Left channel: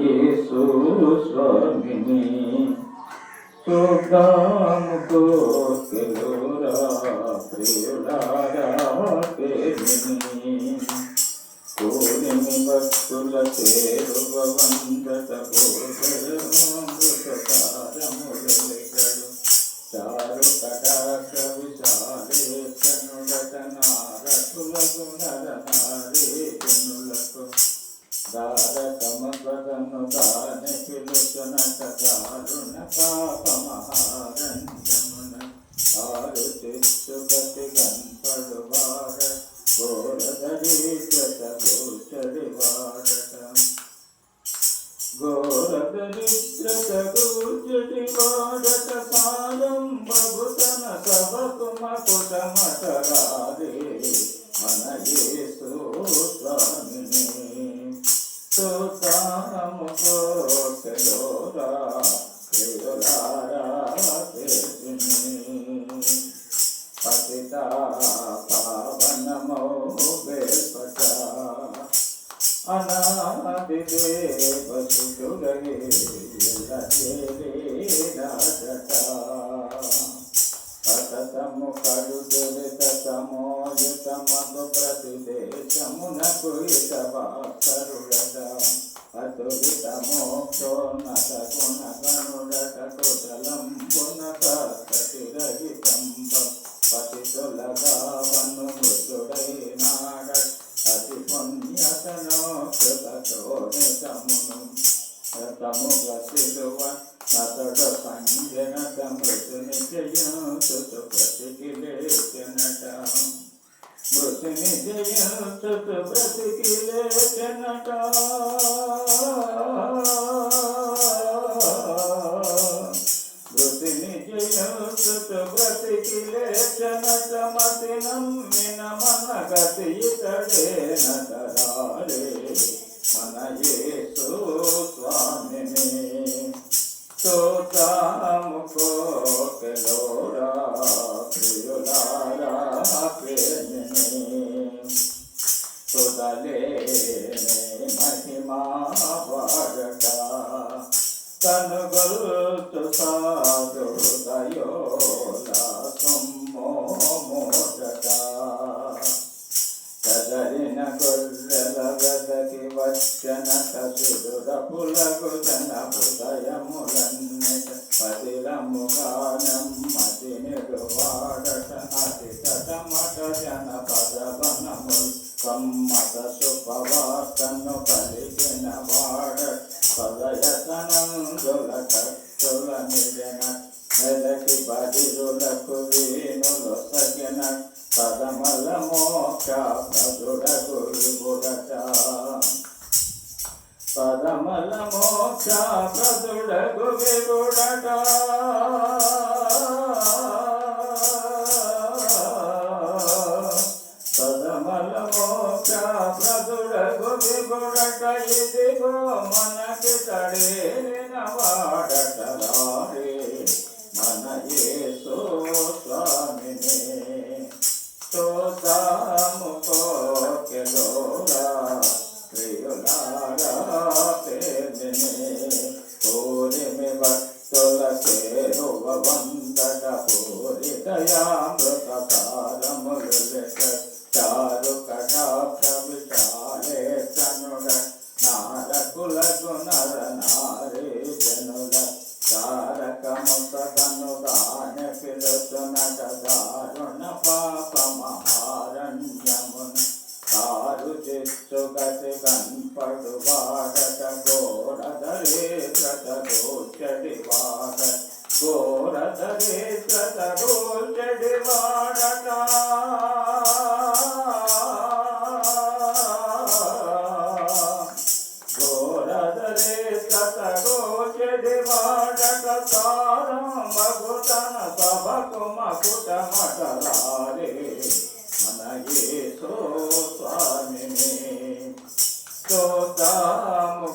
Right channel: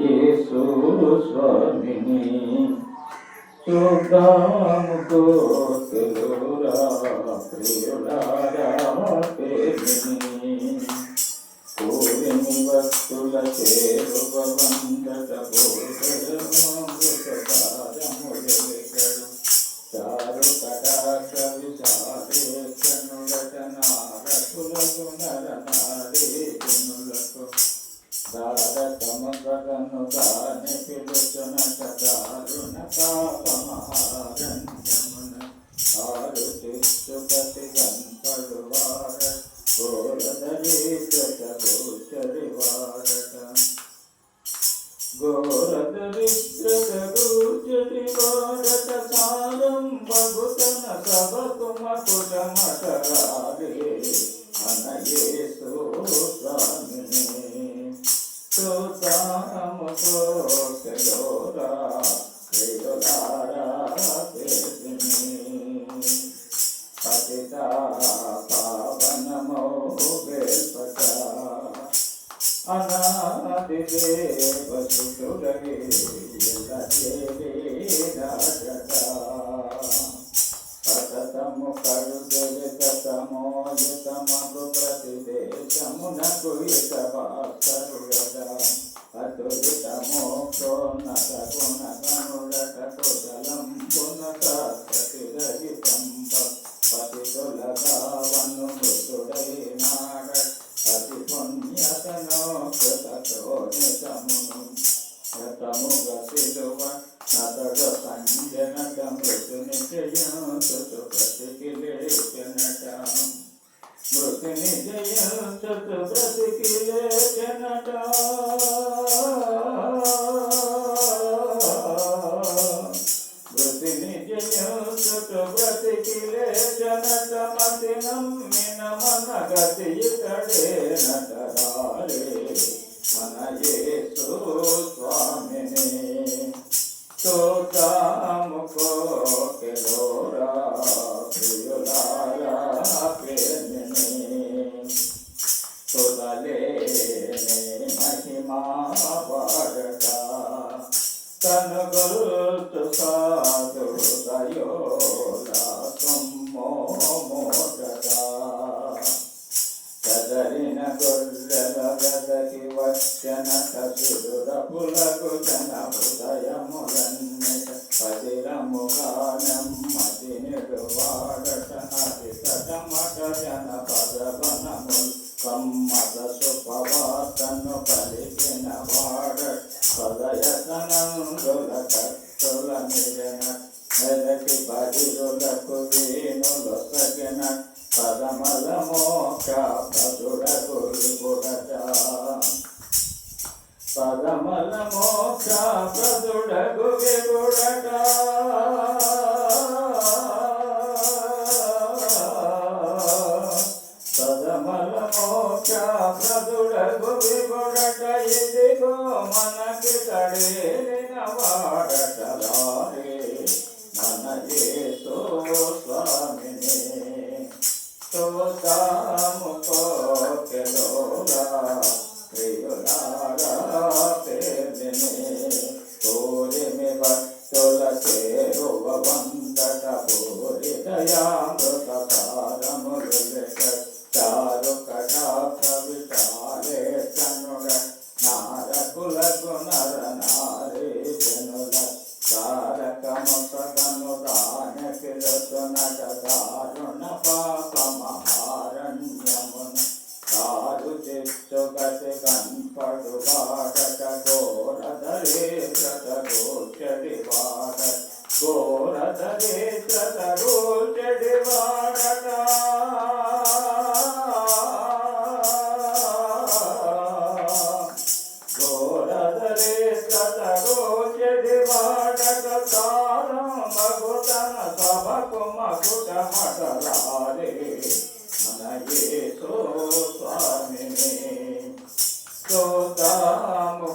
యేసు స్వామిని చూద్దాము కోకెలురా ప్రియులారా ప్రేమిని కోరిని భక్తుల చేరువ వందట బోధరమృతకారములెగడు చారు కటాక్ష విశాలేశనులట నారకులకు నరనారీజనులకు దారకమగను దాని పిలుచునట దారుణ పాపమహారణ్యమున ఆరు చిచ్చుగతి గన్పడు వార ఘోరదరిద్రత గోచరి వారట ఘోరదరిద్రత గోచరి వారట సారం భగుతన సభకు మకుటమటరారే మన యేసు స్వామిని చూద్దాము కోకెలురా ప్రియులారా ప్రేమిని పతిత పావనమో వేల్పట అనాది దేవ సుతుడగే ఎల్లజేలేనాడట పతతము కడుదెలతమోయుతమగు ప్రతిదేశమునకు ఇతవాసరుడట అతులిత మోక్షోన్నత గుణగణుడట కుశలంబున సత్కటి రహితంబ పతితులగావను మృతుడైనాడ అతి పుణ్యతనో కృతోనితమును రతముగ శిలువ నతడ సంజనట మృతుని జయంతు బ్రతికి లేచనట మృతుని జయంతు బ్రతికి లేచనట మృతుని జయంతు బ్రతికి లేచనట మతి నమ్మిన మన గతి ఇతడేనట రారే మన యేసు స్వామిని చూద్దాము కోకెలురా ప్రియులారా ప్రేమిని తుదలేని మహిమా వాడట తను గొల్తు సాధు దయోలా సొమ్మో మోడట చదరిన గొర్రెల వెదకి వచ్చనట సుడురపులకు జన హృదయములన్నిట పదిలముగా నెమ్మది నిడువాడట నది తటమట జన పదవనముల్ కమ్మద సుపవార్తను పలికిన వాడట పదయతనందుల కట్టుల నిడన మెదటి బదిరులకు వీణులు సగిన పదమల మోక్ష ప్రదుడకు విగుడట పదమల మోక్ష ప్రదుడకు విగుడట పదమల మోక్ష ప్రదుడకు విగుడట ఇదిగో మనకి తడేలిన వాడట రారే మన యేసు స్వామిని చూద్దాము కోకెలురా ప్రియులారా ప్రేమిని కోరిమి భక్తుల చేరువ వందట పూరి దయామృత సారములెగ చారు కటాక్ష విశాలేశనుడ నారకులకు నరనారీజనుల తారకముఖను దాన పిలుచునట దారుణ పాపమహారణ్యమున కారు చిచ్చుగతి కన్పడు వాడట ఘోరదరిద్రత గోచడి వాడట ఘోరదరిద్రత గోచడి వాడట ఘోరదరిద్రత గోచడి వాడట సారం మగుతన సభకు మకుటమటరారే మన యేసు స్వామిని చూద్దాము